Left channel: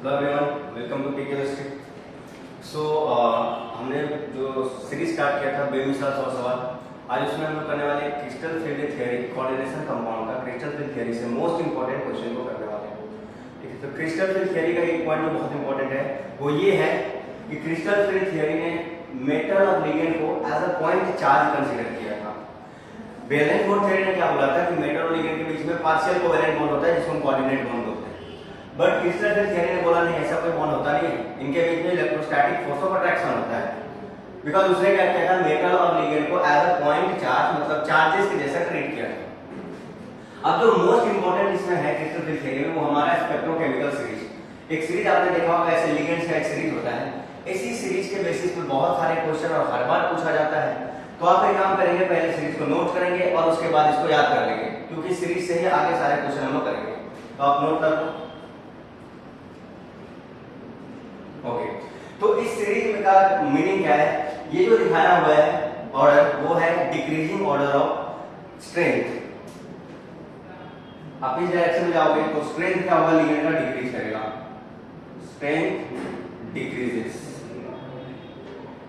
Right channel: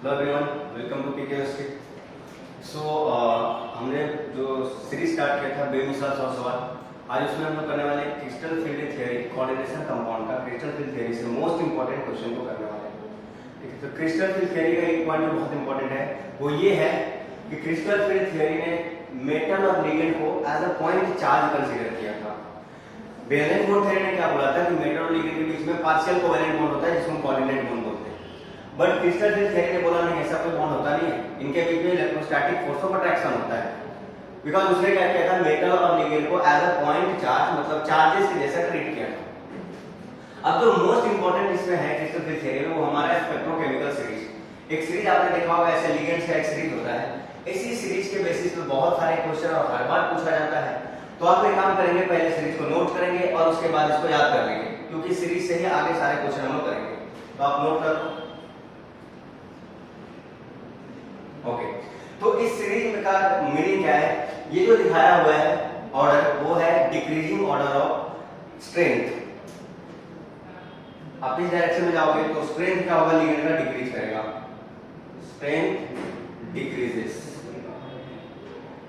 Hello everyone, welcome to PK chemistry. So हमने जो series start किया था बेमिसाल 100 सवाल, आज उसमें हम लोग करने वाले crystal field theory coordination compound का क्रिस्टल फील्ड थ्योरी से मोस्ट इंपॉर्टेंट क्वेश्चन को करने वाले हैं। ठीक है, तो क्रिस्टल फील्ड थ्योरी का एक पॉइंट जो बहुत इंपॉर्टेंट है वो ये है कि क्रिस्टल फील्ड थ्योरी ने मेटल और लिगेंड को as a point charge consider किया था। वैलेंस बॉन्ड थ्योरी ने क्या बोला था कि मेटल और लिगेंड के बीच में पार्शियल कोवैलेंट बॉन्ड होता है जिसको हम कोऑर्डिनेट बॉन्ड बोलते हैं। बट क्रिस्टल फील्ड थ्योरी ने बोला नहीं, ऐसा कोई बॉन्ड होता नहीं है, इनके बीच में इलेक्ट्रोस्टैटिक फोर्स ऑफ अट्रैक्शन होता है। बिकॉज उसने क्या किया था, मेटल और लिगेंड को एज अ पॉइंट चार्ज मतलब चार्जेस के जैसा ट्रीट किया था। अब जो मोस्ट इंपॉर्टेंट इसमें है क्रिस्टल फील्ड थ्योरी में वो हमारा स्पेक्ट्रोकेमिकल सीरीज। एक सीरीज आपने देखा होगा, ऐसे लिगेंड्स का एक सीरीज होता है। इसी सीरीज के बेसिस पे बहुत सारे क्वेश्चन और हर बार पूछा जाता है। तो आप एक काम करेंगे, पहले सीरीज को नोट करेंगे और उसके बाद इसको याद कर लेंगे, क्योंकि सीरीज से ही आगे सारे क्वेश्चन हम लोग करेंगे। तो आप नोट कर लो। ओके, तो इस सीरीज में का मीनिंग क्या है, ये जो दिखाया हुआ है ऑर्डर वो है डिक्रीजिंग ऑर्डर ऑफ स्ट्रेंथ। आप इस डायरेक्शन में जाओगे तो स्ट्रेंथ क्या होगा, लिगेंड का डिक्रीज करेगा, स्ट्रेंथ डिक्रीजेस।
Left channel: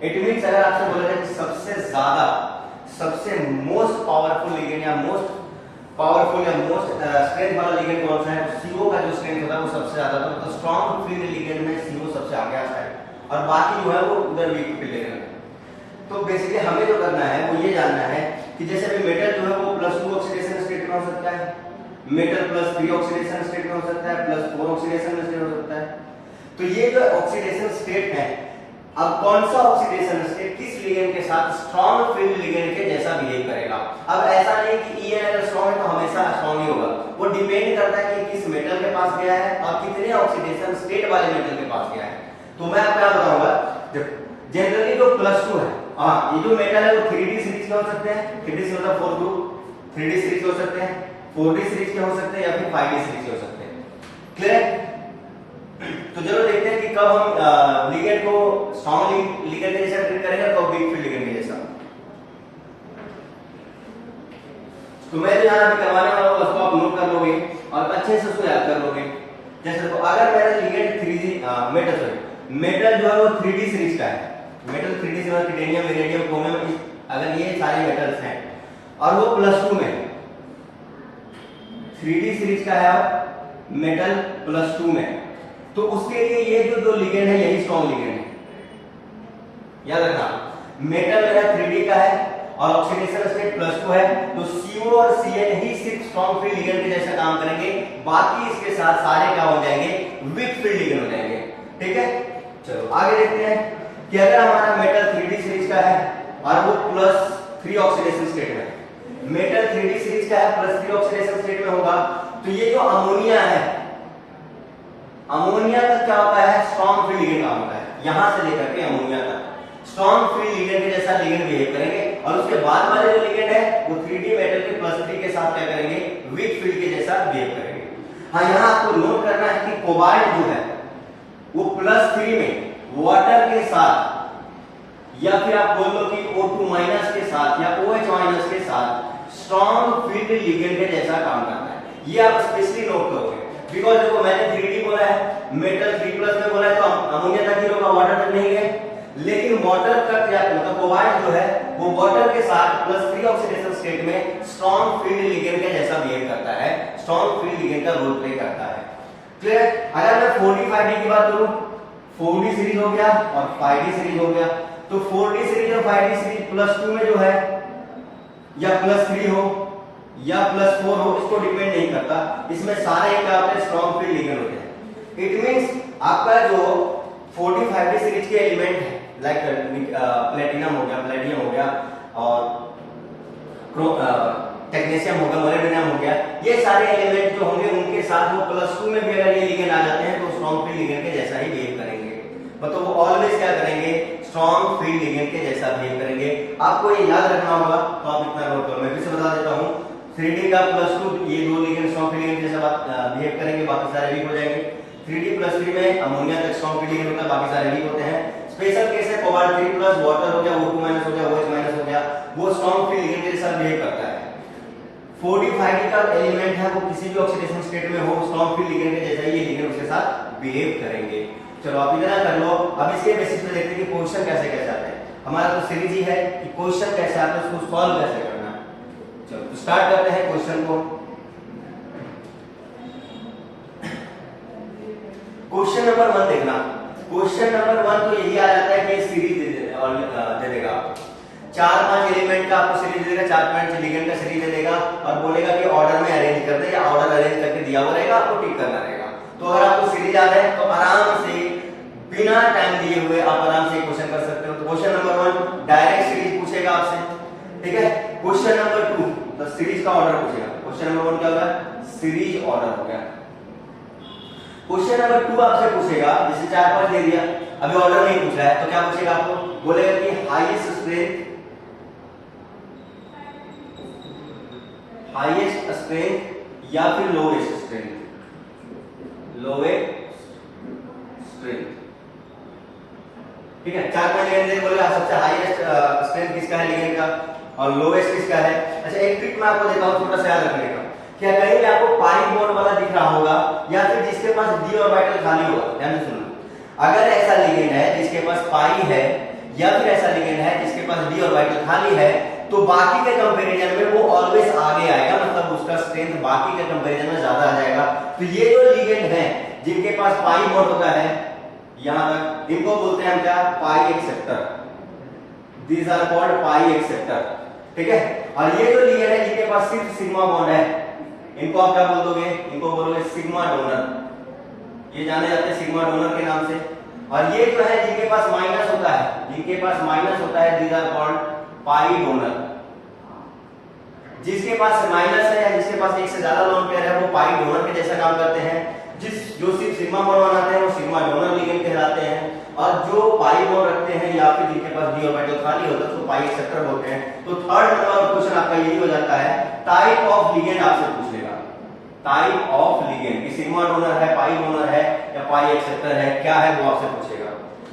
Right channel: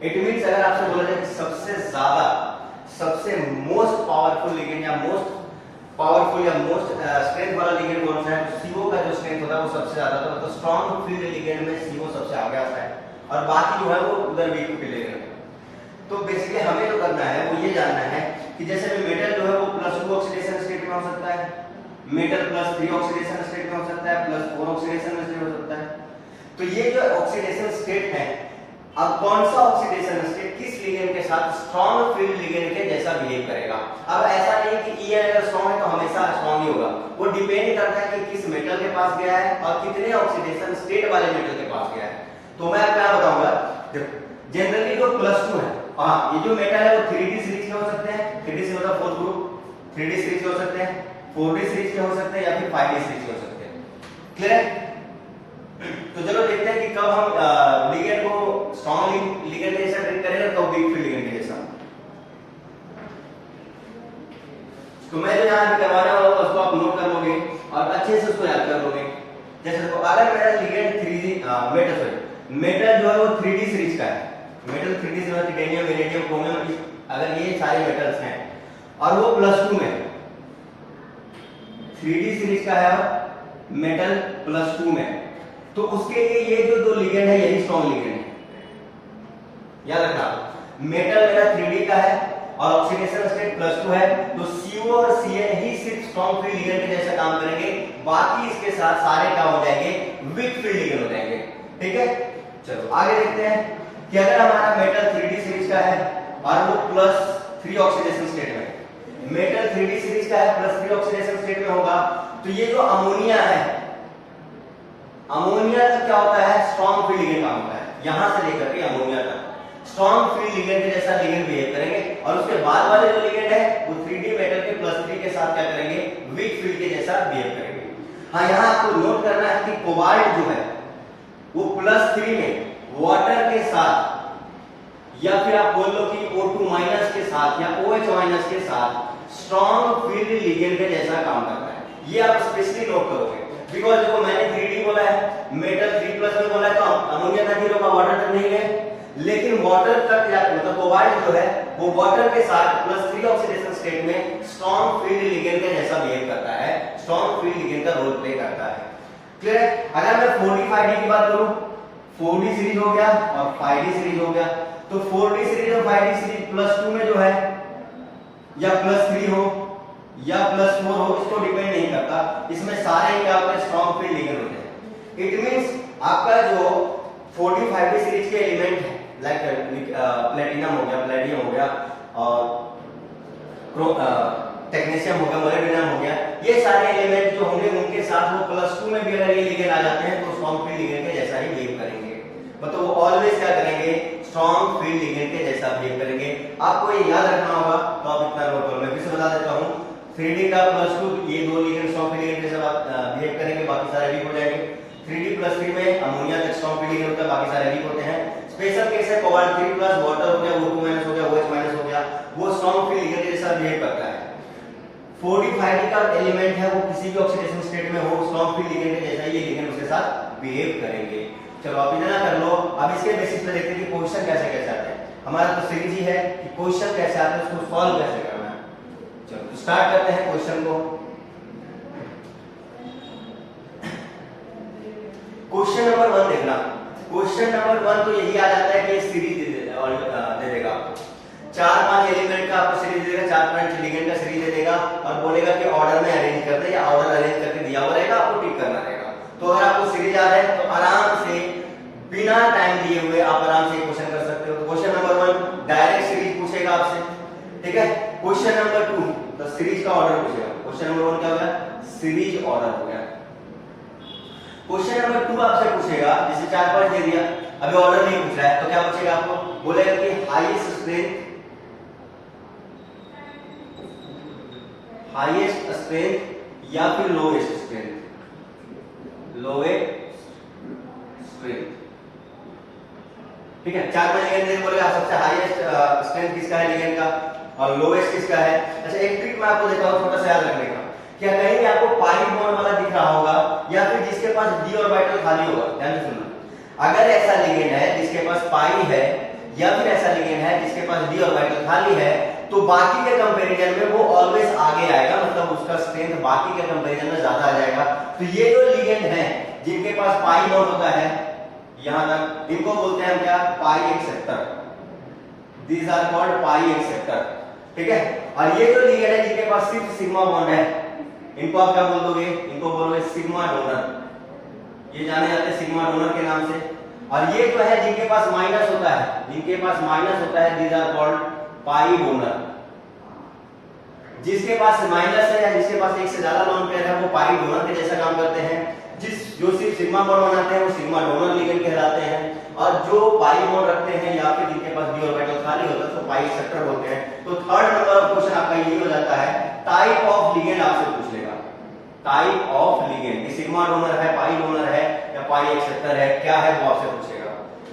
इट मींस अगर आपसे बोला जाए कि सबसे ज्यादा सबसे मोस्ट पावरफुल लिगेंड या मोस्ट पावरफुल या मोस्ट स्ट्रेंथ वाला लिगेंड कौन सा है, सीओ का जो स्ट्रेंथ होता है वो सबसे ज्यादा होता है। मतलब स्ट्रॉन्ग फील्ड लिगेंड में सीओ सबसे आगे आता है और बाकी जो है वो उधर वीक फील्ड लिगेंड है। तो बेसिकली हमें जो करना है वो ये जानना है कि जैसे भी मेटल जो है वो +2 ऑक्सीडेशन स्टेट में हो सकता है, मेटल +3 ऑक्सीडेशन स्टेट में हो सकता है, +4 ऑक्सीडेशन स्टेट हो सकता है। तो ये जो ऑक्सीडेशन स्टेट है, अब कौन सा ऑक्सीडेशन स्टेट किस लिगेंड के साथ स्ट्रॉन्ग फील्ड लिगेंड के जैसा बिहेव करेगा। अब ऐसा नहीं कि ई अगर स्ट्रॉन्ग है तो हमेशा स्ट्रॉन्ग ही होगा, वो डिपेंड करता है कि किस मेटल के पास गया है और कितने ऑक्सीडेशन स्टेट वाले मेटल के पास गया है। तो मैं आपको क्या बताऊंगा, जनरली जो +2 है, हाँ ये जो मेटल है वो 3D सीरीज के हो सकते हैं, 3D से मतलब 4 ग्रुप 3D सीरीज के हो सकते हैं, 4D सीरीज के हो सकते हैं या फिर 5D सीरीज के हो सकते हैं। क्लियर है? तो चलो देखते हैं कि कब हम लिगेंड को स्ट्रॉन्ग लिगेंड के जैसा ट्रीट करेंगे, कब वीक फील्ड लिगेंड के जैसा। तो मैं जो यहाँ करवाने वाला हूँ उसको आप नोट कर लोगे और अच्छे से उसको याद कर लोगे। जैसे देखो, अगर मेरा लिगेंड 3D मेटल जो है वो 3D सीरीज का है, मेटल 3D से टिटेनियम, वेनेडियम, क्रोमियम, अगर ये सारे मेटल्स हैं और वो +2 में 3D सीरीज का है और मेटल +2 में, तो उसके लिए ये जो दो लिगेंड है यही स्ट्रॉन्ग लिगेंड है। याद रखना, मेटल मेरा 3D का है और ऑक्सीडेशन स्टेट +2 है, तो CO और Cl ही सिर्फ स्ट्रॉन्ग फील्ड लिगेंड के जैसा काम करेंगे, बाकी इसके साथ सारे क्या हो जाएंगे, वीक फील्ड लिगेंड हो जाएंगे। ठीक है, चलो आगे देखते हैं कि अगर हमारा मेटल 3D सीरीज का है और वो +3 ऑक्सीडेशन स्टेट में, मेटल 3D सीरीज का है +3 ऑक्सीडेशन स्टेट में होगा, तो ये जो अमोनिया है, अमोनिया का क्या होता है, स्ट्रॉन्ग फील्ड लिगेंड का होता है। यहां से लेकर के अमोनिया तक स्ट्रॉन्ग फील्ड लिगेंड के जैसा लिगेंड बिहेव करेंगे, और उसके बाद वाले जो लिगेंड है वो 3D मेटल के +3 के साथ क्या करेंगे, वीक फील्ड के जैसा बिहेव करेंगे। हाँ, यहां आपको नोट करना है कि कोबाल्ट जो है वो +3 में वाटर के साथ या फिर आप बोल लो कि O2- के साथ या OH- के साथ स्ट्रॉन्ग फील्ड लिगेंड के जैसा काम करता है। ये आप स्पेशली नोट करोगे, बिकॉज देखो मैंने 3D बोला है, मेटल 3+ में बोला है, तो अमोनिया तक ही रुका, वाटर तक नहीं गए। लेकिन वाटर तक या मतलब कोबाल्ट जो है वो वाटर के साथ +3 ऑक्सीडेशन स्टेट में स्ट्रॉन्ग फील्ड लिगेंड के जैसा बिहेव करता है, स्ट्रॉन्ग फील्ड लिगेंड का रोल प्ले करता है। क्लियर? अगर मैं 4D 5D की बात करूं, 4D सीरीज हो गया और 5D सीरीज हो गया, तो 4D सीरीज और 5D सीरीज +2 में जो है या +3 हो या +4 हो, इसको डिपेंड नहीं करता, इसमें सारे क्या होते हैं, स्ट्रॉन्ग फील्ड लिगेंड होते हैं। इट मींस आपका जो 4D 5D सीरीज के एलिमेंट है, लाइक प्लेटिनम हो गया, प्लेटियम हो गया और टेक्नीशियम हो गया, मोलिब्डेनम हो गया, ये सारे एलिमेंट जो होंगे उनके साथ वो +2 में भी अगर ये लिगेंड आ जाते हैं तो स्ट्रॉन्ग फील्ड लिगेंड के जैसा ही बिहेव करेंगे। मतलब वो ऑलवेज क्या करेंगे, स्ट्रॉन्ग फील्ड लिगेंड के जैसा बिहेव करेंगे। आपको ये याद रखना होगा, तो आप इतना नोट करो। मैं फिर से बता देता हूँ, 3D का +2 ये दो लिगेंड स्ट्रॉन्ग फील्ड लिगेंड के जैसा बिहेव करेंगे, बाकी सारे वीक हो जाएंगे। 3D +3 में अमोनिया तक स्ट्रॉन्ग फील्ड लिगेंड होता है, बाकी सारे वीक होते हैं। स्पेशल केस है कोबाल्ट 3+, वाटर हो गया, O2- हो गया, OH- हो गया, वो स्ट्रॉन्ग फील्ड लिगेंड के जैसा बिहेव करता है। 4D 5D का एलिमेंट है वो किसी भी ऑक्सीडेशन स्टेट में हो, स्ट्रॉन्ग फील्ड लिगेंड के जैसा ये लिगेंड उसके साथ बिहेव करेंगे। चलो आप इतना कर लो। अब इसके बेसिस पे देखते हैं कि क्वेश्चन कैसे कैसे आते हैं। हमारा तो सीरीज ही है कि क्वेश्चन कैसे आता है, उसको सॉल्व कैसे करना है। चलो स्टार्ट करते हैं क्वेश्चन को। क्वेश्चन नंबर 1 देखना। क्वेश्चन नंबर 1 तो यही आ जाता है कि सीरीज दे देगा आपको 4-5 एलिमेंट का, आपको सीरीज दे देगा, 4-5 एलिमेंट का सीरीज दे देगा और बोलेगा कि ऑर्डर में अरेंज कर दे, या ऑर्डर अरेंज करके दिया हुआ रहेगा, आपको टिक करना रहेगा। तो अगर आपको सीरीज याद है तो आराम से बिना टाइम दिए हुए आप आराम से क्वेश्चन कर सकते हो। तो क्वेश्चन नंबर 1 डायरेक्ट सीरीज पूछेगा आपसे, ठीक है। क्वेश्चन नंबर 2 तो सीरीज का ऑर्डर पूछेगा। क्वेश्चन नंबर 1 क्या होगा, सीरीज ऑर्डर हो गया। क्वेश्चन नंबर 2 आपसे पूछेगा, जैसे 4-5 दे दिया, अभी ऑर्डर नहीं पूछ रहा है, तो क्या पूछेगा आपको, बोलेगा कि हाईएस्ट स्ट्रेंथ या फिर लोएस्ट स्ट्रेंथ। ठीक है, 4-5 लिगेंड बोलेगा, सबसे हाईएस्ट स्ट्रेंथ किसका है लिगेंड का और लोएस्ट किसका है। अच्छा एक ट्रिक मैं आपको देता हूं, छोटा सा याद रखने का। क्या कहीं भी आपको पाई बॉन्ड वाला दिख रहा होगा या फिर जिसके पास डी ऑर्बिटल खाली होगा, ध्यान से सुनना। अगर ऐसा लिगेंड है जिसके पास पाई है या फिर ऐसा लिगेंड है जिसके पास डी ऑर्बिटल खाली है, तो बाकी के कंपैरिजन में वो ऑलवेज आगे आएगा, मतलब उसका स्ट्रेंथ बाकी के कंपैरिजन में ज्यादा आ जाएगा। तो ये जो लिगेंड है जिनके पास पाई बॉन्ड होता है, यहां तक इनको बोलते हैं हम क्या, pi acceptor. These are called pi acceptor, ठीक है। और ये जो लिगेंड है जिनके पास सिर्फ सिग्मा बॉन्ड है, इनको आप क्या बोल दोगे, इनको बोलोगे सिग्मा डोनर। ये जाने जाते हैं सिग्मा डोनर के नाम से। और ये जो है जिनके पास माइनस होता है, जिनके पास माइनस होता है, these are called pi donor. जिसके पास माइनस है या जिसके पास एक से ज्यादा लोन पेयर है, वो पाई डोनर के जैसा काम करते हैं। जो सिर्फ सिग्मा बॉन्ड बनाते हैं वो सिग्मा डोनर लिगेंड कहलाते हैं। और जो पाई बॉन्ड रखते हैं या फिर जिनके पास डी ऑर्बिटल खाली होता है तो पाई एक्सेप्टर होते हैं। तो थर्ड नंबर क्वेश्चन आपका यही हो जाता है, टाइप ऑफ लिगेंड आपसे पूछ लेगा। Type of ligand, sigma donor है, पाई डोनर है या पाई एक्सेप्टर है, क्या है वो आपसे पूछेगा।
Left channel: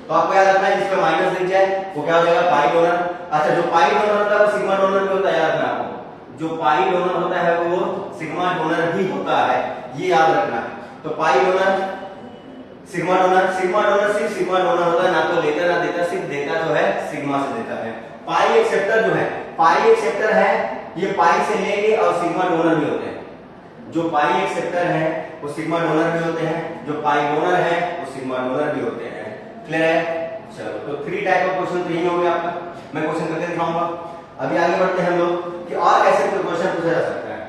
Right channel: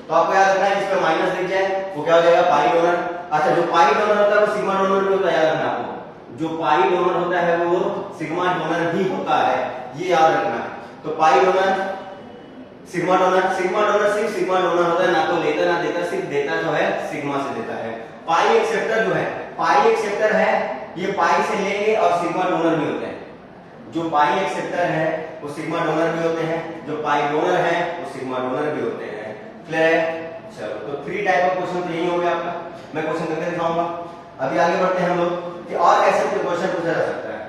तो आपको याद रखना है, जिसपे माइनस दिख जाए वो क्या हो जाएगा, पाई डोनर। अच्छा जो पाई डोनर होता है वो सिग्मा डोनर भी होता है, याद रखना आपको। जो पाई डोनर होता है वो सिग्मा डोनर भी होता है, ये याद रखना। तो पाई डोनर, सिग्मा डोनर सिर्फ सिग्मा डोनर होता है, ना तो लेता ना देता, सिर्फ देता जो है सिग्मा से देता है। पाई एक्सेप्टर जो है, पाई एक्सेप्टर है, ये पाई से लेंगे और सिग्मा डोनर भी होते हैं। जो पाई एक्सेप्टर है वो सिग्मा डोनर भी होते हैं, जो पाई डोनर है वो सिग्मा डोनर भी होते हैं। क्लियर है। चलो तो 3 टाइप ऑफ क्वेश्चन तो यही हो गया आपका, मैं क्वेश्चन करके दिखाऊंगा। अभी आगे बढ़ते हैं हम लोग कि और कैसे क्वेश्चन पूछा जा सकता है,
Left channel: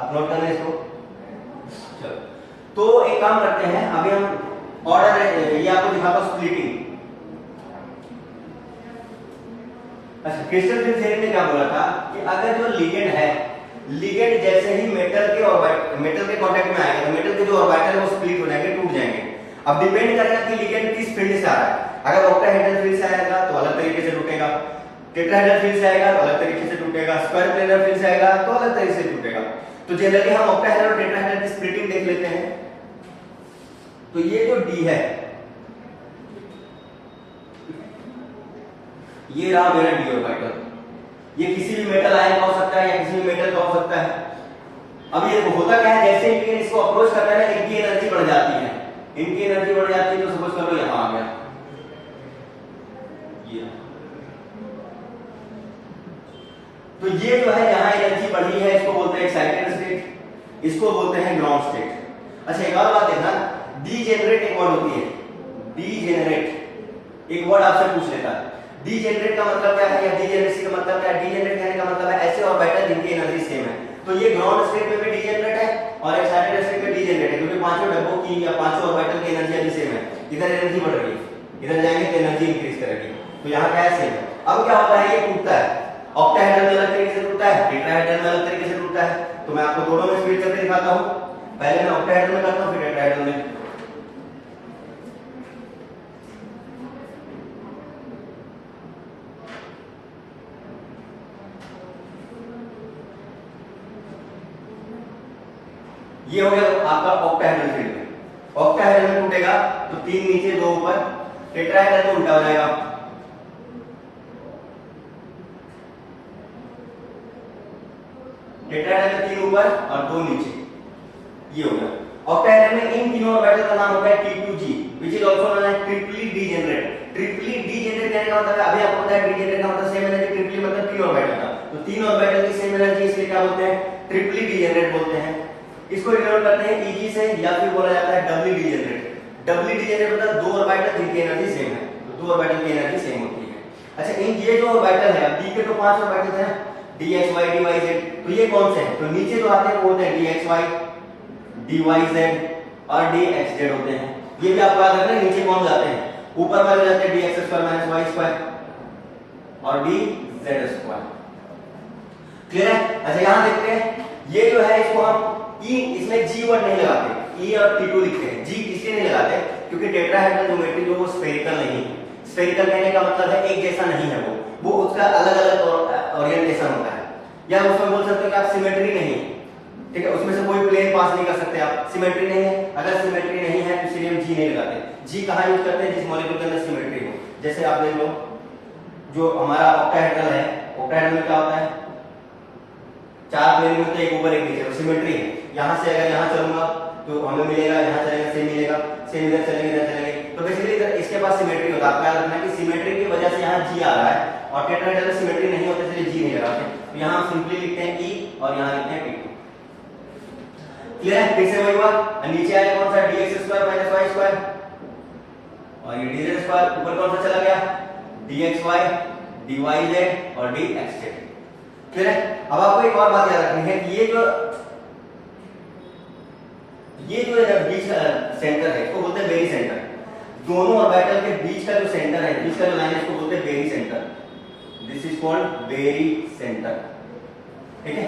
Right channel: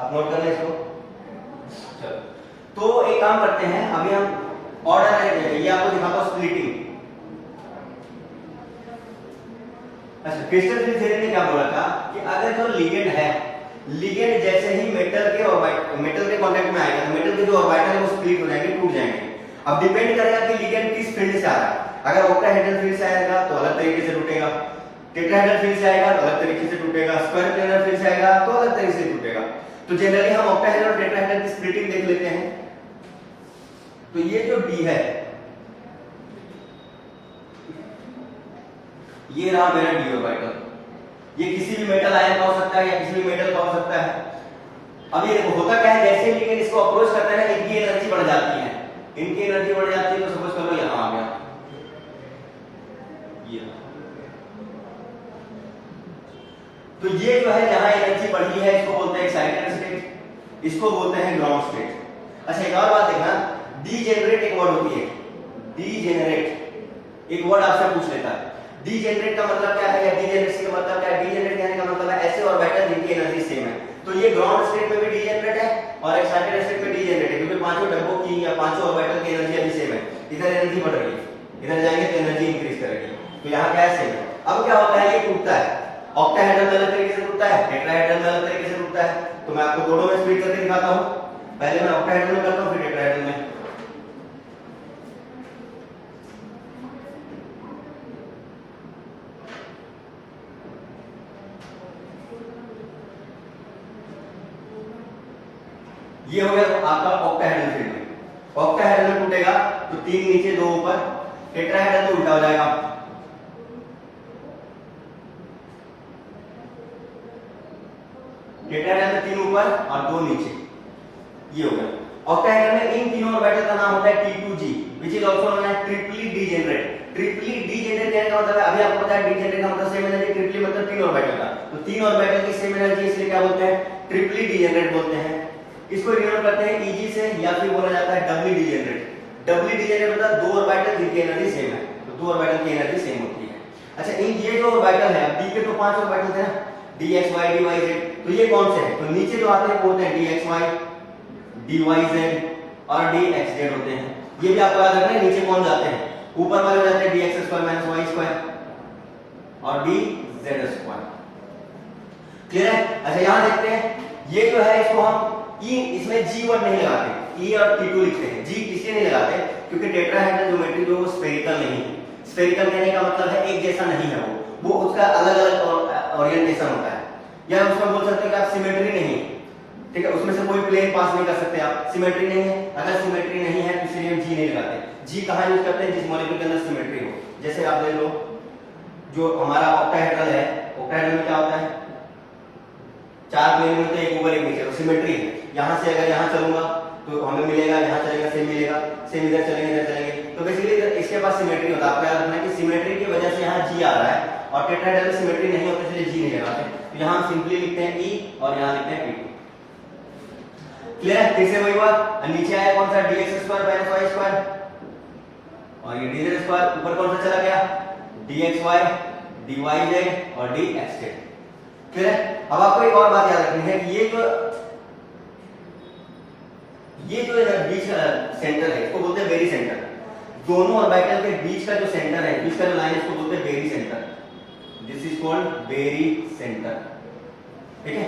आप नोट कर लें इसको। चलो तो एक काम करते हैं, अभी हम ऑर्डर, ये आपको दिखाता हूं स्प्लिटिंग। अच्छा क्रिस्टल फिल्ड थ्योरी ने क्या बोला था कि अगर जो लिगेंड है, लिगेंड जैसे ही मेटल के कांटेक्ट में आएगा तो मेटल के जो ऑर्बिटल है वो स्प्लिट हो जाएंगे, टूट जाएंगे। अब डिपेंड करेगा कि लिगेंड किस फील्ड से आ रहा है। अगर ऑक्टाहेड्रल फील्ड से आएगा तो अलग तरीके से टूटेगा, टेट्राहेड्रल फील्ड से आएगा तो अलग तरीके से टूटेगा, स्क्वायर प्लेनर फील्ड से आएगा तो अलग तरीके से टूटेगा। तो जनरली हम ऑक्टाहेड्रल और टेट्राहेड्रल की स्प्लिटिंग देख लेते हैं। तो ये जो डी है, ये रहा मेरा डी ऑर्बिटल। ये किसी भी मेटल आयन का हो सकता है या किसी भी मेटल का हो सकता है। अब ये होता क्या है, जैसे ही लिगेंड इसको अप्रोच करता है ना, इनकी एनर्जी बढ़ जाती है, इनकी एनर्जी बढ़ जाती है। तो सपोज करो यहां आ गया ये, तो ये जो है जहां एनर्जी बढ़ी है इसको बोलते हैं एक्साइटेड स्टेट, इसको बोलते हैं ग्राउंड स्टेट। अच्छा एक और बात देखना, डीजेनरेट एक वर्ड होती है, डीजेनरेट एक वर्ड आपसे पूछ लेता है। डीजेनरेट का मतलब क्या है या डीजेनरेसी का मतलब क्या है। डीजेनरेट कहने का मतलब है ऐसे ऑर्बिटल जिनकी एनर्जी सेम है। तो ये ग्राउंड स्टेट में भी डीजेनरेट है और एक्साइटेड स्टेट में डीजेनरेट है, क्योंकि पांचों डब्बों की या पांचों ऑर्बिटल की एनर्जी अभी सेम है। इधर एनर्जी बढ़ रही है, इधर जाएंगे तो एनर्जी इंक्रीज करेगी। तो यहाँ क्या है, सेम है। अब क्या होता है, ये टूटता है, ऑक्टाहेड्रल में अलग तरीके से टूटता है, टेट्राहेड्रल में अलग तरीके से टूटता है। तो मैं आपको दोनों में स्प्लिट करके दिखाता हूं। पहले मैं ऑक्टाहेड्रल में करता हूं, फिर टेट्राहेड्रल में। ये हो गया आपका ऑक्टाहेड्रल फील्ड में। ऑक्टाहेड्रल में टूटेगा तो 3 नीचे 2 ऊपर, टेट्राहेड्रल तो उल्टा हो जाएगा, टेट्राहेड्रल में 3 ऊपर और 2 नीचे, ये हो गया। ऑक्टाहेड्रल में इन तीनों ऑर्बिटल का नाम होता है T2G which is also known as triply degenerate। Triply degenerate कहने का मतलब है, अभी आपको पता है डीजेनरेट का मतलब सेम एनर्जी, ट्रिपली मतलब तीन ऑर्बिटल का, तो तीन ऑर्बिटल की सेम एनर्जी, इसलिए क्या बोलते हैं, ट्रिपली डीजेनरेट बोलते हैं। इसको रिनोट करते हैं Eg से, या फिर बोला जाता है डबली डीजेनरेट। डबली डीजेनरेट मतलब दो ऑर्बिटल जिनकी एनर्जी सेम है, तो दो ऑर्बिटल की एनर्जी सेम होती है। अच्छा, इन ये जो ऑर्बिटल है, डी के तो पांच ऑर्बिटल थे ना, dxy dyz, तो ये कौन से हैं, तो नीचे जो आते हैं वो होते हैं dxy dyz और dxz होते हैं। ये भी आपको याद रखना है, नीचे कौन जाते हैं, ऊपर वाले जाते हैं dx square minus y square और dz स्क्वायर। क्लियर है? अच्छा, यहां देखते हैं, ये जो है इसको हम ई, इसमें जी वर्ड नहीं लगाते, ई और T2 लिखते हैं। जी इसलिए नहीं लगाते क्योंकि टेट्राहेड्रल ज्योमेट्री जो वो स्फेरिकल नहीं है। स्फेरिकल कहने का मतलब है एक जैसा नहीं है, वो उसका अलग अलग ओरिएंटेशन होता है, या उसमें बोल सकते हो कि आप सिमेट्री नहीं, ठीक है, उसमें से कोई प्लेन पास नहीं कर सकते आप, सिमेट्री नहीं है। अगर सिमेट्री नहीं है तो इसलिए हम जी नहीं लगाते। जी कहाँ यूज करते हैं, जिस मॉलिक्यूल के अंदर सिमेट्री हो। जैसे आप देख लो, जो हमारा ऑक्टाहेड्रल है, ऑक्टाहेड्रल में क्या होता है, चार प्लेन में तो एक ऊपर एक नीचे, तो सिमेट्री है। यहां से अगर यहां चलूंगा तो हमें मिलेगा, यहां चलेगा सेम मिलेगा, सेम इधर चलेंगे इधर चलेंगे, तो बेसिकली इसके पास सिमेट्री होता है। आपको याद रखना कि सिमेट्री की वजह से यहाँ जी आ रहा है, और टेट्राहेड्रल सिमेट्री नहीं होते इसलिए जी नहीं लगाते, तो यहाँ हम सिंपली लिखते हैं ई और यहाँ लिखते हैं T2। क्लियर है? फिर से वही बात, नीचे आया कौन सा, dx square minus y square, और ये dz स्क्वायर, ऊपर कौन सा चला गया, dxy dyz और dxz। क्लियर है? अब आपको एक और बात याद रखनी है कि ये जो बीच का सेंटर है, इसको बोलते हैं बेरी सेंटर। दोनों ऑर्बिटल के बीच का जो सेंटर है, बीच का जो लाइन है, इसको बोलते हैं barycentre. This is called barycentre. ठीक है?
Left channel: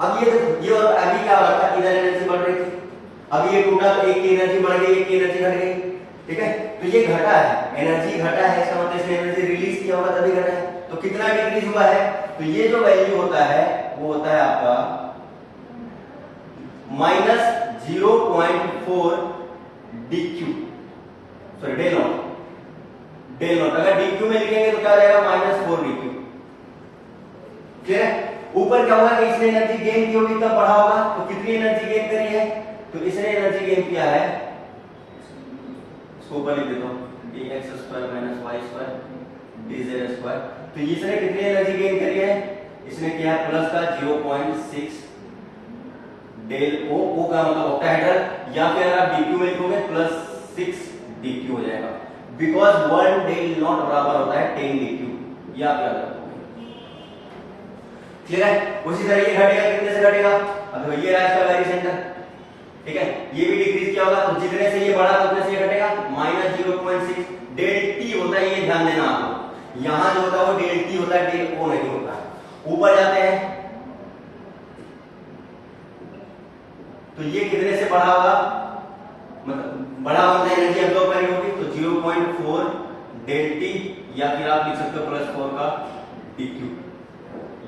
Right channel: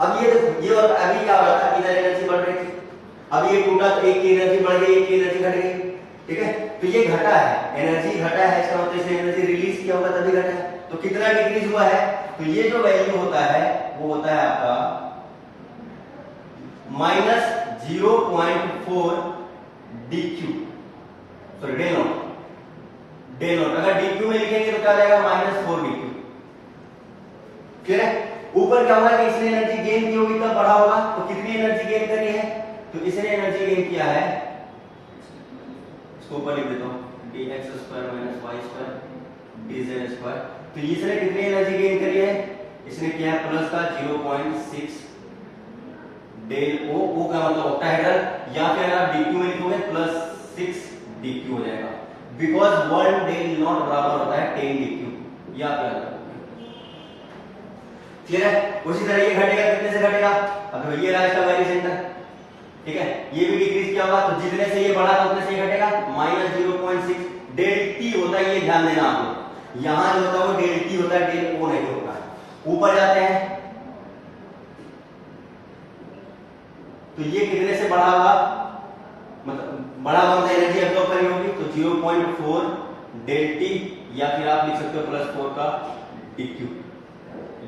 अब ये और अभी क्या हो रहा था, इधर एनर्जी बढ़ रही थी, अब ये टूटा तो एक की एनर्जी बढ़ गई, एक की एनर्जी घट गई। ठीक है, तो ये घटा है, एनर्जी घटा है, इसका मतलब इसने एनर्जी रिलीज किया होगा तभी घटा है। तो कितना डिक्रीज हुआ है, तो ये जो वैल्यू होता है वो होता है आपका minus 0.4 dq, sorry del naught. अगर dq में लिखेंगे तो क्या हो जाएगा, -4 dq। क्लियर है? ऊपर क्या हुआ कि इसने एनर्जी गेन की होगी तब बढ़ा होगा, तो कितनी एनर्जी गेन करी है, तो इसने एनर्जी गेन किया है, इसको ऊपर लिख देता हूं, dx square minus y square dz square. तो इसने कितनी एनर्जी गेन करी है, इसने किया प्लस का 0.6 डेल ओ का मतलब ऑक्टाहेड्रल, या फिर अगर आप dq में लिखोगे +6 dq हो जाएगा, बिकॉज 1 डेल नॉट बराबर होता है 10 dq। या क्या होगा, क्लियर है? उसी तरह ये घटेगा, कितने से घटेगा, अब ये रहा इसका वेरी सेंटर। ठीक है, ये भी डिक्रीज किया होगा, तो जितने से ये बढ़ा उतने से घटेगा, -0.6 डेल टी होता है, ये ध्यान देना आपको। यहां जो होता है वो डेल टी होता है, डेल ओ नहीं होता है। ऊपर जाते हैं तो ये कितने से बढ़ा होगा, मतलब बढ़ा होगा एनर्जी अब्सॉर्ब करनी होगी, तो 0.4 डेल टी, या फिर आप लिख सकते हो +4 का dq।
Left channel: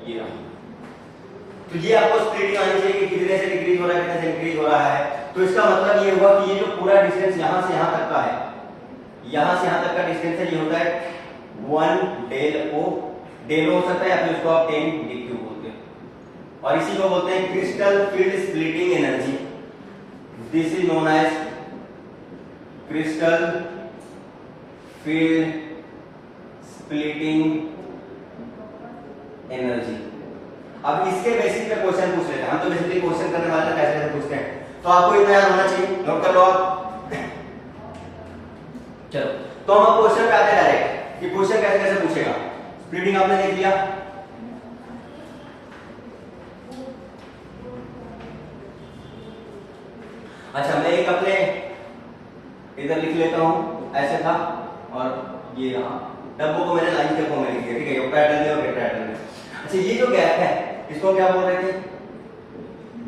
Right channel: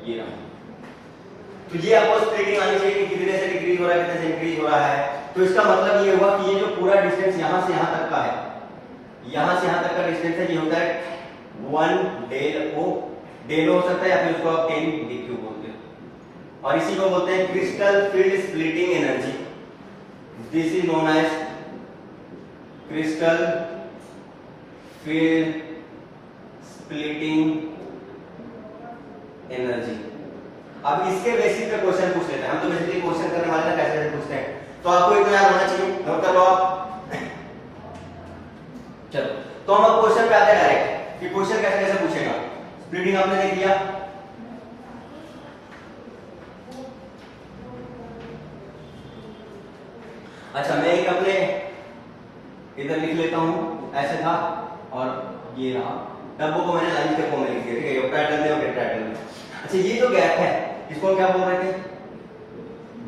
ये रहा, तो ये आपको स्प्लिटिंग आनी चाहिए कि कितने से डिक्रीज हो रहा है, कितने से इंक्रीज हो रहा है। तो इसका मतलब ये हुआ कि ये जो पूरा डिस्टेंस यहां से यहां तक का है, यहां से यहां तक का डिस्टेंस है, ये होता है 1 डेल ओ हो सकता है, या फिर उसको आप 10 dq बोलते हैं, और इसी को बोलते हैं crystal field splitting energy. This is known as crystal field splitting energy. अब इसके बेसिस पे क्वेश्चन पूछ लेते हैं हम, तो बेसिकली क्वेश्चन करने वाले हैं कैसे कैसे पूछते हैं, तो आपको इतना याद होना चाहिए, नोट कर लो आप। चलो, तो हम अब क्वेश्चन पे आते हैं डायरेक्ट कि क्वेश्चन कैसे कैसे पूछेगा। स्प्लिटिंग आपने देख लिया, अच्छा मैं एक अपने इधर लिख लेता हूं, ऐसे था, और ये रहा, डब्बों को मैंने लाइन के फॉर्म में लिख दिया। ठीक है, पैटर्न में और टेट्राहेड्रल में। अच्छा, ये जो गैप है इसको क्या बोल रहे थे,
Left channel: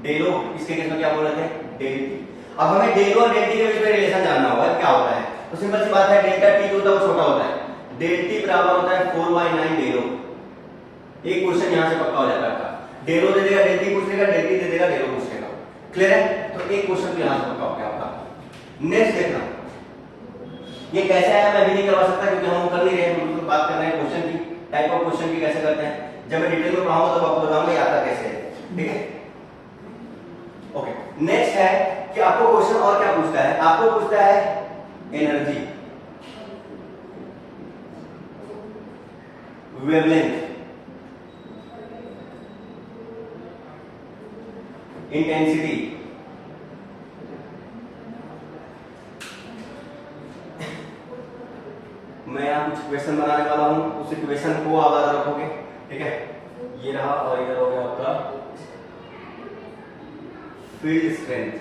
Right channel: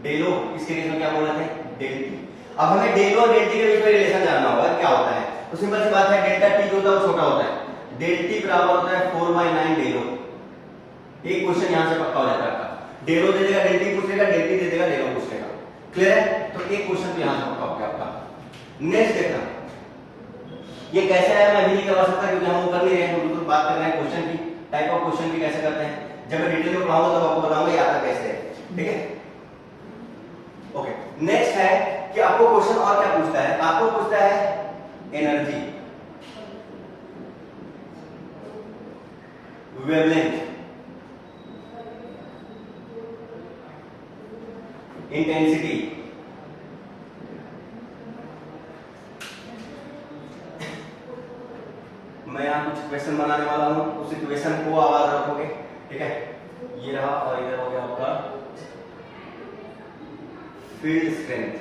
डेलो, इसके केस में क्या बोल रहे थे, डेल टी। अब हमें डेलो और डेल टी के बीच में रिलेशन जानना होगा क्या होता है, तो सिंपल सी बात है, डेल्टा टी जो होता है वो छोटा होता है, डेल टी बराबर होता है 4/9 डेलो। एक क्वेश्चन यहां से पक्का हो जाता है, डेलो दे देगा, डेल टी पूछ लेगा, डेल टी दे देगा, डेलो पूछ लेगा। क्लियर है? तो एक क्वेश्चन तो यहां से पक्का हो गया आपका। नेक्स्ट देखना, ये कैसे आया मैं भी नहीं करवा सकता क्योंकि हम कर नहीं रहे हैं, हम बात कर रहे हैं क्वेश्चन की, टाइप ऑफ क्वेश्चन भी कैसे करते हैं। जब मैं डिटेल में पढ़ाऊंगा तब आपको बताऊंगा ये आता कैसे है। ठीक है, ओके। नेक्स्ट है कि आपको क्वेश्चन और क्या पूछता है, आपको पूछता है एनर्जी, वेवलेंथ, इंटेंसिटी, मैं यहाँ कुछ क्वेश्चन बनाने वाला हूं, उस क्वेश्चन को याद रखोगे, ठीक है। ये रहा और इधर हो गया आपका field strength,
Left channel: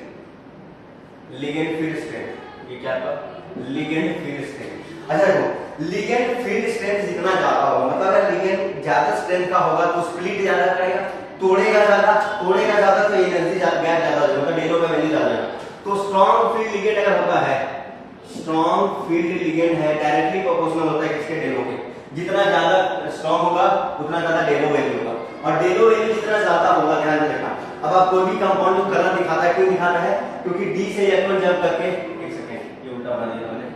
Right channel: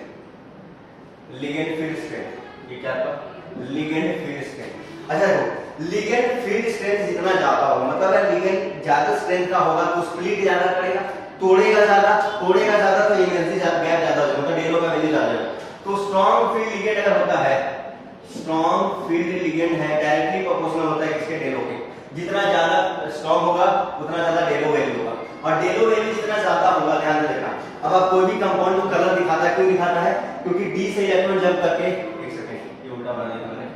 ligand field strength, ये क्या आपका लिगेंड फील्ड स्ट्रेंथ। अच्छा देखो, लिगेंड फील्ड स्ट्रेंथ जितना ज्यादा होगा, मतलब अगर लिगेंड ज्यादा स्ट्रेंथ का होगा तो स्प्लिट ज्यादा करेगा, तोड़ेगा ज्यादा तो एनर्जी गैप ज्यादा होगा, डेलो का वैल्यू ज्यादा है। तो स्ट्रॉन्ग फील्ड लिगेंड अगर होता है, स्ट्रॉन्ग फील्ड लिगेंड है, डायरेक्टली प्रोपोर्शनल होता है किसके, डेलो के। जितना ज्यादा स्ट्रॉन्ग होगा उतना ज्यादा डेलो वैल्यू होगा, और डेलो वैल्यू जितना ज्यादा होगा, ध्यान से देखना। अब आप कोई भी कंपाउंड जो कलर दिखाता है, क्यों दिखाता है, क्योंकि डी से इलेक्ट्रॉन जंप करके, एक सेकेंड ये उल्टा बना दिया मैंने,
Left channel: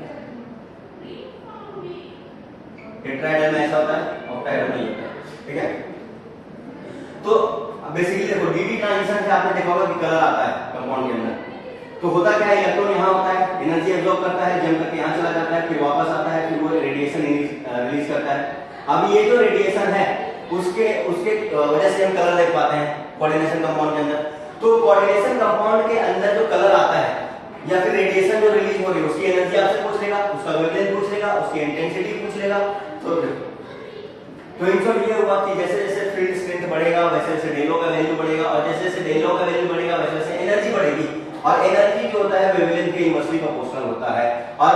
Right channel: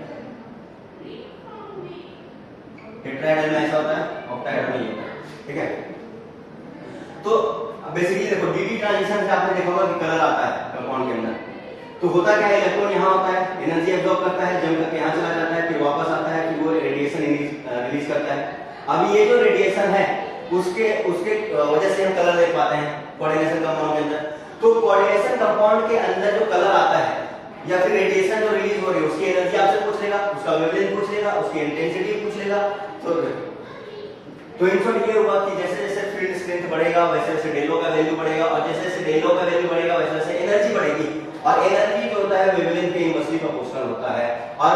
टेट्राहेड्रल में ऐसा होता है, ऑक्टाहेड्रल में होता है, ठीक है। तो बेसिकली देखो डी डी ट्रांजिशन से आपने देखा होगा कि कलर आता है कंपाउंड के अंदर, तो होता क्या है, इलेक्ट्रॉन यहाँ होता है, एनर्जी एब्जॉर्ब करता है, जंप करके यहाँ चला जाता है, फिर वापस आता है, फिर वो रेडिएशन रिलीज करता है। अब ये जो रेडिएशन है उसके वजह से हम कलर देख पाते हैं कोऑर्डिनेशन कंपाउंड के अंदर। तो कोऑर्डिनेशन कंपाउंड के अंदर जो कलर आता है या फिर रेडिएशन जो रिलीज हो रही है, उसकी एनर्जी आपसे पूछ लेगा, उसका वेवलेंथ पूछ लेगा, उसकी इंटेंसिटी पूछ लेगा। तो इन सब ये हुआ कि जैसे जैसे फील्ड स्ट्रेंथ बढ़ेगा वैसे वैसे डेलो का वैल्यू बढ़ेगा, और जैसे जैसे डेलो का वैल्यू बढ़ेगा वैसे वैसे एनर्जी बढ़ेगी, और एनर्जी जो होता है वेवलेंथ के इनवर्सली प्रोपोर्शनल होता है, और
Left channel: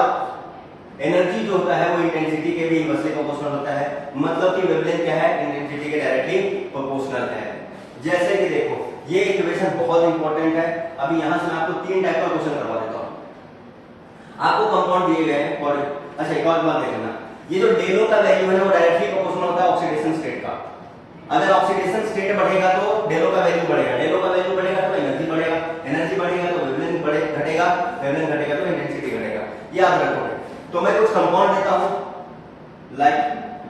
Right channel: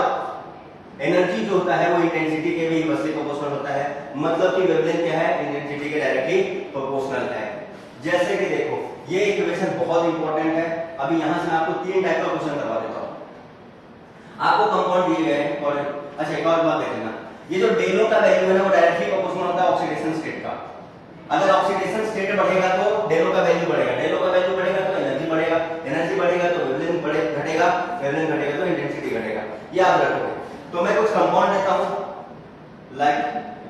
एनर्जी जो होता है वो इंटेंसिटी के भी इनवर्सली प्रोपोर्शनल होता है। मतलब कि वेवलेंथ क्या है, इंटेंसिटी के डायरेक्टली प्रोपोर्शनल है। जैसे कि देखो ये इक्वेशन बहुत इंपॉर्टेंट है, अभी यहां से मैं आपको 3 टाइप का क्वेश्चन करवा देता हूं। आपको कंपाउंड दिए गए हैं, और अच्छा एक और बात देखना, ये जो डेलो का वैल्यू है वो डायरेक्टली प्रोपोर्शनल होता है ऑक्सीडेशन स्टेट का। अगर ऑक्सीडेशन स्टेट बढ़ेगा तो डेलो का वैल्यू बढ़ेगा, डेलो का वैल्यू बढ़ेगा तो एनर्जी बढ़ेगा, एनर्जी बढ़ेगा तो वेवलेंथ घटेगा, वेवलेंथ घटेगा तो इंटेंसिटी घटेगा, याद रखोगे। तो मैं कुछ कंपाउंड देता हूं, लाइक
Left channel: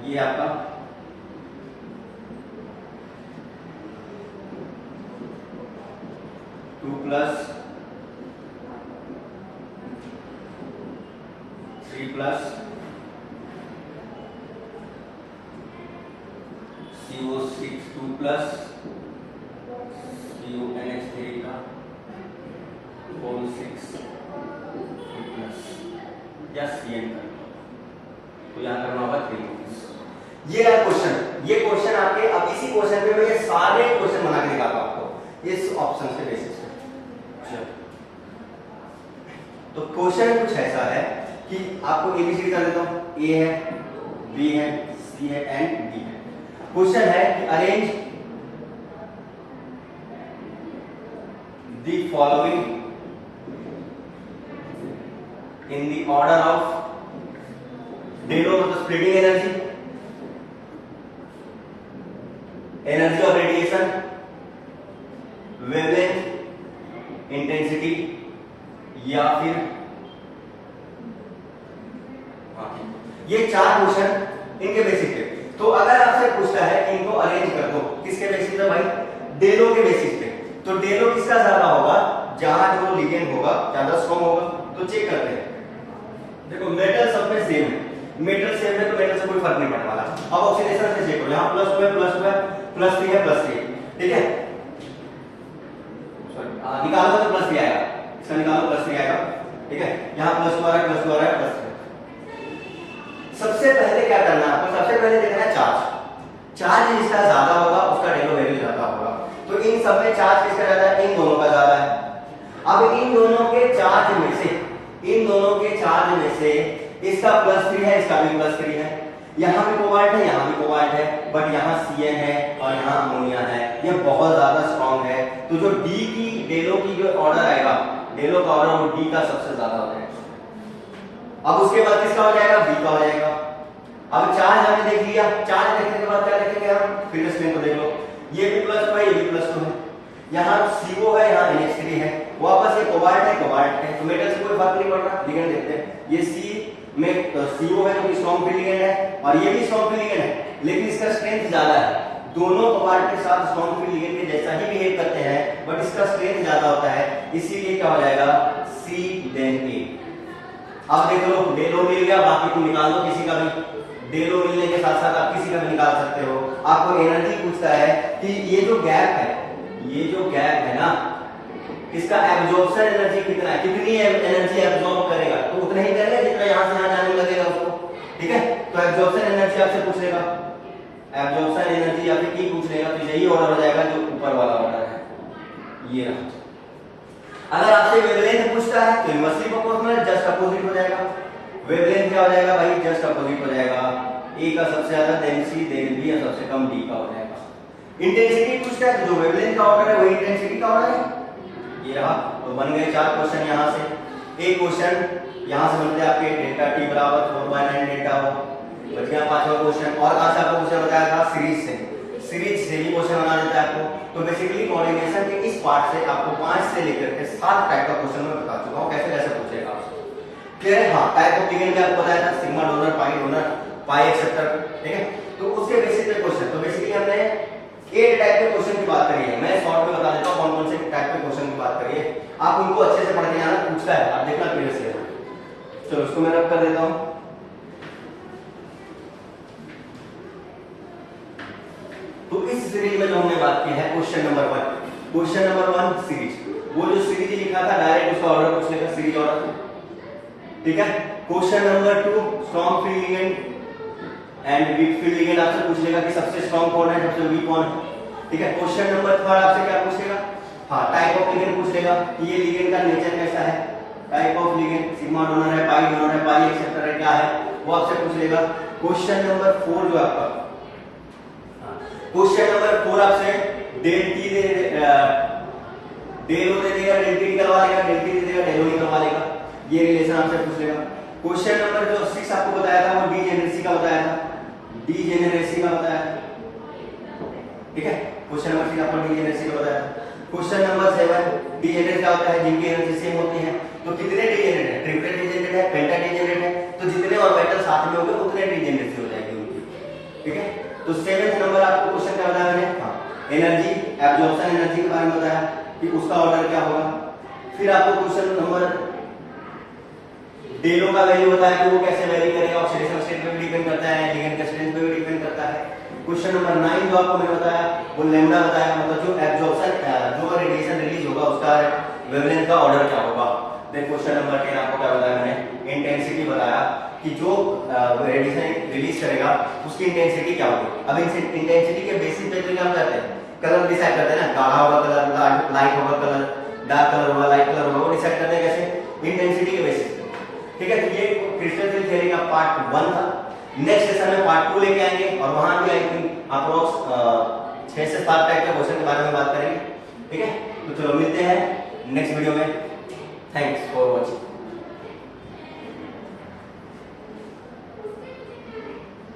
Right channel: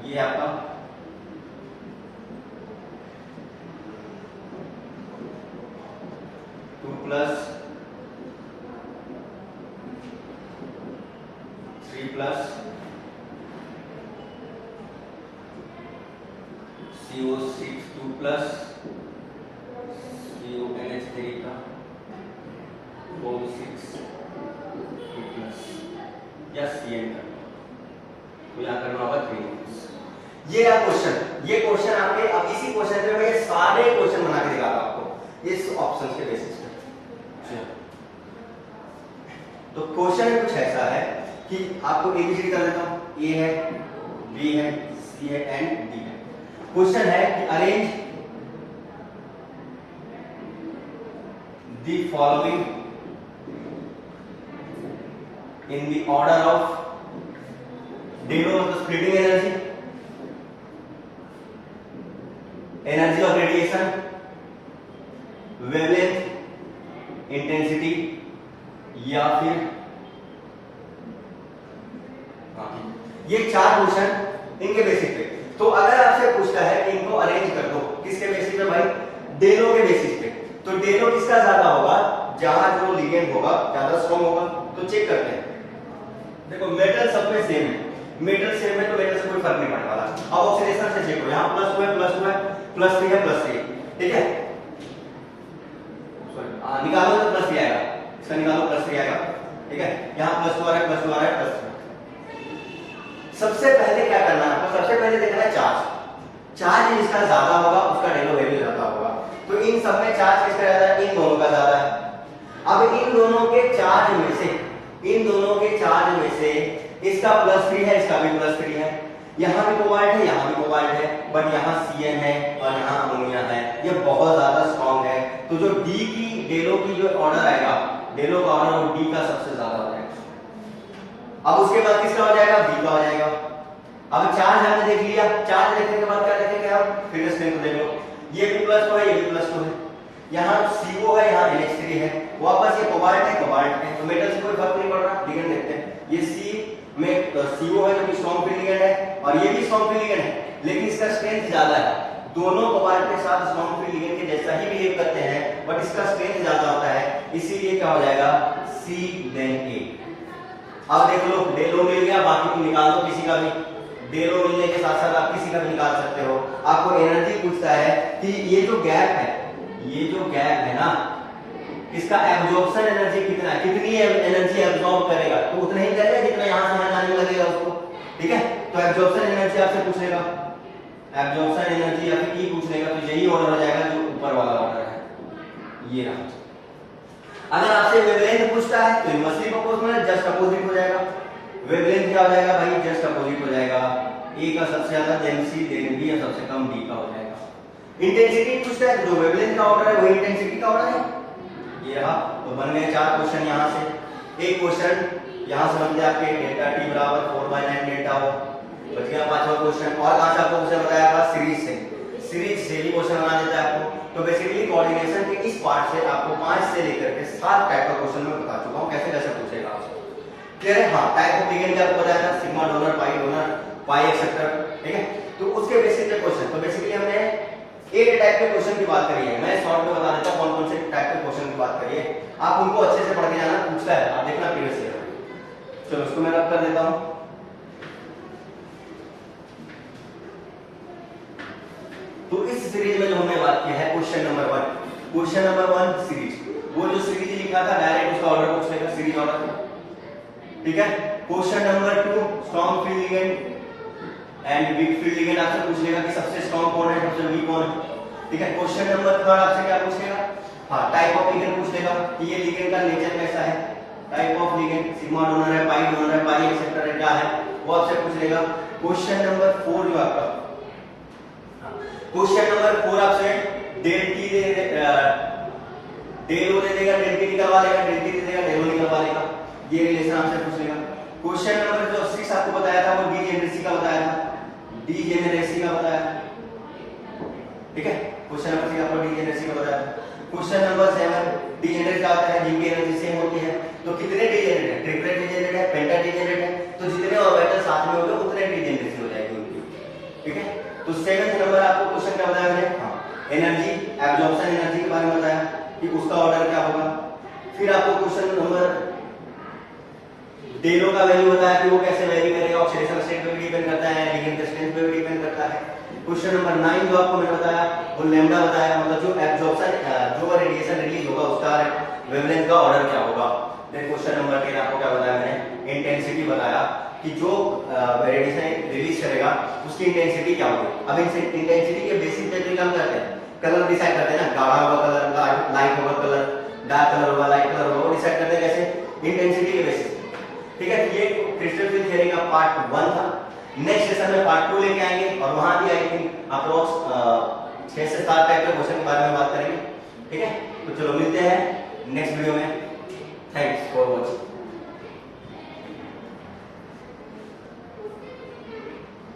ये आपका two plus 3 plus CO6 2 plus CONH3 का 4 6 2 प्लस या CN का, तो यहाँ करना होगा 3। ये है क्वेश्चन, ये क्वेश्चन आपके, अब इसी क्वेश्चन पे मैं ये सारे क्वेश्चन बना के दिखाता हूं आपको इस ऑप्शन के बेसिस पे। तो क्वेश्चन कुछ ऐसा है कि आपको एबीसीडी कर देता हूं, ए है, बी है, सी है एंड डी है। क्वेश्चन है कि arrange the following in the order of डेलो मतलब splitting energy, energy of radiation, wavelength, intensity, या फिर ये 4 क्वेश्चन इनके बेसिस पे। तो अगर आपसे पूछता है कि इनको अरेंज कर दो, किसके बेसिस पे भाई, डेलो के बेसिस पे, तो डेलो किसका ज्यादा होगा, जहां जो लिगेंड होगा ज्यादा स्ट्रॉन्ग होगा। तो चेक करते हैं, देखो मेटल सब में सेम है, मेटल सेम है तो मेटल से कोई फर्क नहीं पड़ने वाला। अब ऑक्सीडेशन से चेक करो, यहाँ प्लस हुआ है, प्लस 3 है, प्लस 3, ठीक है, सॉरी निकालो तो प्लस 3 आएगा, इसका निकालो प्लस 3 आएगा, ठीक है। यहाँ प्लस 2 आ रहा है, प्लस 2 आ रहा है, प्लस 3। सबसे पहले क्या करना है आपको, सबसे पहले देखना है चार्ज, चार्ज जिसका ज्यादा होगा उसका डेलो वैल्यू ज्यादा होगा। तो इन सब में चार्ज किसका ज्यादा है, इन दोनों का ज्यादा है। अब इन दोनों के चार्ज में से, इन दोनों के चार्ज में से इसका +3 है, इसका भी +3 है, यहाँ भी कोबाल्ट है, यहाँ भी कोबाल्ट है, बट यहाँ CN है और यहाँ अमोनिया है, ये बहुत ज्यादा स्ट्रॉन्ग है। तो जो डी की डेलो की जो ऑर्डर आएगा, डेलो का ऑर्डर वो डी का सबसे ज्यादा हो जाएगा। अब उसके बाद किसका हो जाएगा, बी का हो जाएगा। अब चार्ज हमने देख लिया, चार्ज देखने के बाद क्या देखेंगे हम, फील्ड स्ट्रेंथ को देख लो, ये भी +2 है, ये भी +2 है, यहाँ CO है, यहाँ NH3 है, वापस ये कोबाल्ट है, कोबाल्ट है, तो मेटल से कोई फर्क नहीं पड़ रहा। लिगेंड देखते हैं, ये C में CO है जो कि स्ट्रॉन्ग फील्ड लिगेंड है, और ये भी स्ट्रॉन्ग फील्ड लिगेंड है, लेकिन इसका स्ट्रेंथ ज्यादा है। दोनों कोबाल्ट के साथ स्ट्रॉन्ग फील्ड लिगेंड के जैसा ही बिहेव करते हैं, बट इसका स्ट्रेंथ ज्यादा होता है। इसीलिए क्या हो जाएगा सी देन ए। अब देख लो डेल ओ मिल गया, बाकी तुम निकाल दो किसी का भी, डेल ओ मिलने के साथ साथ आप किसी का भी निकाल सकते हो। आपको एनर्जी पूछता है कि ये जो गैप है, ये जो गैप है ना, इसका एब्जॉर्प्शन एनर्जी कितना है, कितनी एनर्जी एब्जॉर्ब करेगा, तो उतना ही करेगा जितना यहां से यहां जाने लगेगा उसको। ठीक है, तो एब्जॉर्प्शन एनर्जी आपसे पूछेगा, एब्जॉर्प्शन एनर्जी या फिर की पूछेगा, तो यही ऑर्डर हो जाएगा जो ऊपर वाला ऑर्डर है, ये रहा। अगर आपसे वेवलेंथ पूछता है तो इनवर्सली प्रोपोर्शनल जस्ट अपोजिट हो जाएगा। वेवलेंथ क्या हो जाएगा भाई, जस्ट अपोजिट हो जाएगा, ए का सबसे ज्यादा देन सी देन बी, और सबसे कम डी का हो जाएगा। इंटेंसिटी पूछता है तो जो वेवलेंथ का ऑर्डर है वही इंटेंसिटी का ऑर्डर है, ये रहा। तो बन गए 4 क्वेश्चन यहां से। एक क्वेश्चन यहां से बनते आपके डेल्टा टी बराबर 4/9 डेल्टा हो, बच गया 5वां क्वेश्चन। और कहां से आपको क्वेश्चन बताया था, सीरीज से, सीरीज से ही क्वेश्चन बना देता है आपको। तो बेसिकली कोऑर्डिनेशन के इस पार्ट से आपको 5 से लेकर के 7 टाइप का क्वेश्चन मैं बता चुका हूं, कैसे कैसे पूछेगा आपसे। क्लियर है? हाँ, टाइप ऑफ लिगेंड आपको बताया था, सिग्मा डोनर, पाई एक्सेप्टर, ठीक है। तो उसके बेसिस पे क्वेश्चन, तो बेसिकली हमने 8 टाइप के क्वेश्चन की बात करी है। मैं शॉर्ट में बता देता हूं कौन कौन से टाइप के क्वेश्चन की बात करी है, आप उनको अच्छे से पढ़ के जाना, पूछता है आप देखना पीरियड से। चलो इसको मैं रब कर देता हूं। तो इस सीरीज में जो हमने बात की है question number 1, question number 1 series, वो जो सीरीज लिखा था डायरेक्ट उसका ऑर्डर पूछने का, सीरीज ऑर्डर, ठीक है। Question number 2 strong field ligand and weak field ligand आपसे पूछेगा कि सबसे स्ट्रॉन्ग कौन है, सबसे वीक कौन है, ठीक है। क्वेश्चन नंबर 3 आपसे क्या पूछेगा, हाँ टाइप ऑफ लिगेंड पूछेगा कि ये लिगेंड का नेचर कैसा है, type of ligand, sigma donor है, पाई डोनर है, पाई एक्सेप्टर है, क्या है, वो आपसे पूछेगा। क्वेश्चन नंबर 4 जो आपका, क्वेश्चन नंबर 4 आपसे डेल टी डेल ओ दे देगा, डेल टी निकलवा लेगा, डेल टी दे देगा, डेल ओ निकलवा लेगा, ये रिलेशन आपसे पूछ लेगा। क्वेश्चन नंबर जो 6 आपको बताया था वो डीजेनरेसी का बताया था, डीजेनरेसी का बताया था, ठीक है। क्वेश्चन नंबर 6 आपको डीजेनरेसी का बताया था। क्वेश्चन नंबर 7 डीजेनरेट क्या होता है, जिनकी एनर्जी सेम होती है, तो कितने डीजेनरेट है, ट्रिपलेट डीजेनरेट है, पेंटा डीजेनरेट है, तो जितने ऑर्बिटल साथ में होंगे उतने डीजेनरेसी हो जाएगी उनकी, ठीक है। तो 7th नंबर आपको क्वेश्चन क्या बताया मैंने, हाँ एनर्जी, एब्जॉर्प्शन एनर्जी के बारे में बताया कि उसका ऑर्डर क्या होगा। फिर आपको क्वेश्चन नंबर डेलो का वैल्यू बताया कि वो कैसे वेरी करेगा, ऑक्सीडेशन स्टेट पे भी डिपेंड करता है, लिगेंड के स्ट्रेंथ पे भी डिपेंड करता है। क्वेश्चन नंबर 9 जो आपको मैंने बताया वो लैम्डा बताया, मतलब जो एब्जॉर्प्शन जो रेडिएशन रिलीज होगा उसका वेवलेंथ का ऑर्डर क्या होगा। देन क्वेश्चन नंबर 10 आपको क्या बताया मैंने, इंटेंसिटी बताया कि जो रेडिएशन रिलीज करेगा उसकी इंटेंसिटी क्या होगी। अब इंटेंसिटी के बेसिस पे क्या करते हैं, कलर डिसाइड करते हैं ना, गाढ़ा होगा कलर, लाइट होगा कलर, डार्क कलर होगा, लाइट कलर होगा, वो डिसाइड करते हैं कैसे, इंटेंसिटी के बेसिस, ठीक है। तो ये क्रिस्टल फिल्म थ्योरी का पार्ट 1 था। नेक्स्ट सेशन में पार्ट 2 लेके आएंगे और वहां भी आई थिंक अप्रोक्स 6 से 7 टाइप के क्वेश्चन के बारे में बात करेंगे, ठीक है। तो चलो मिलते हैं नेक्स्ट वीडियो में, थैंक्स फॉर वॉचिंग।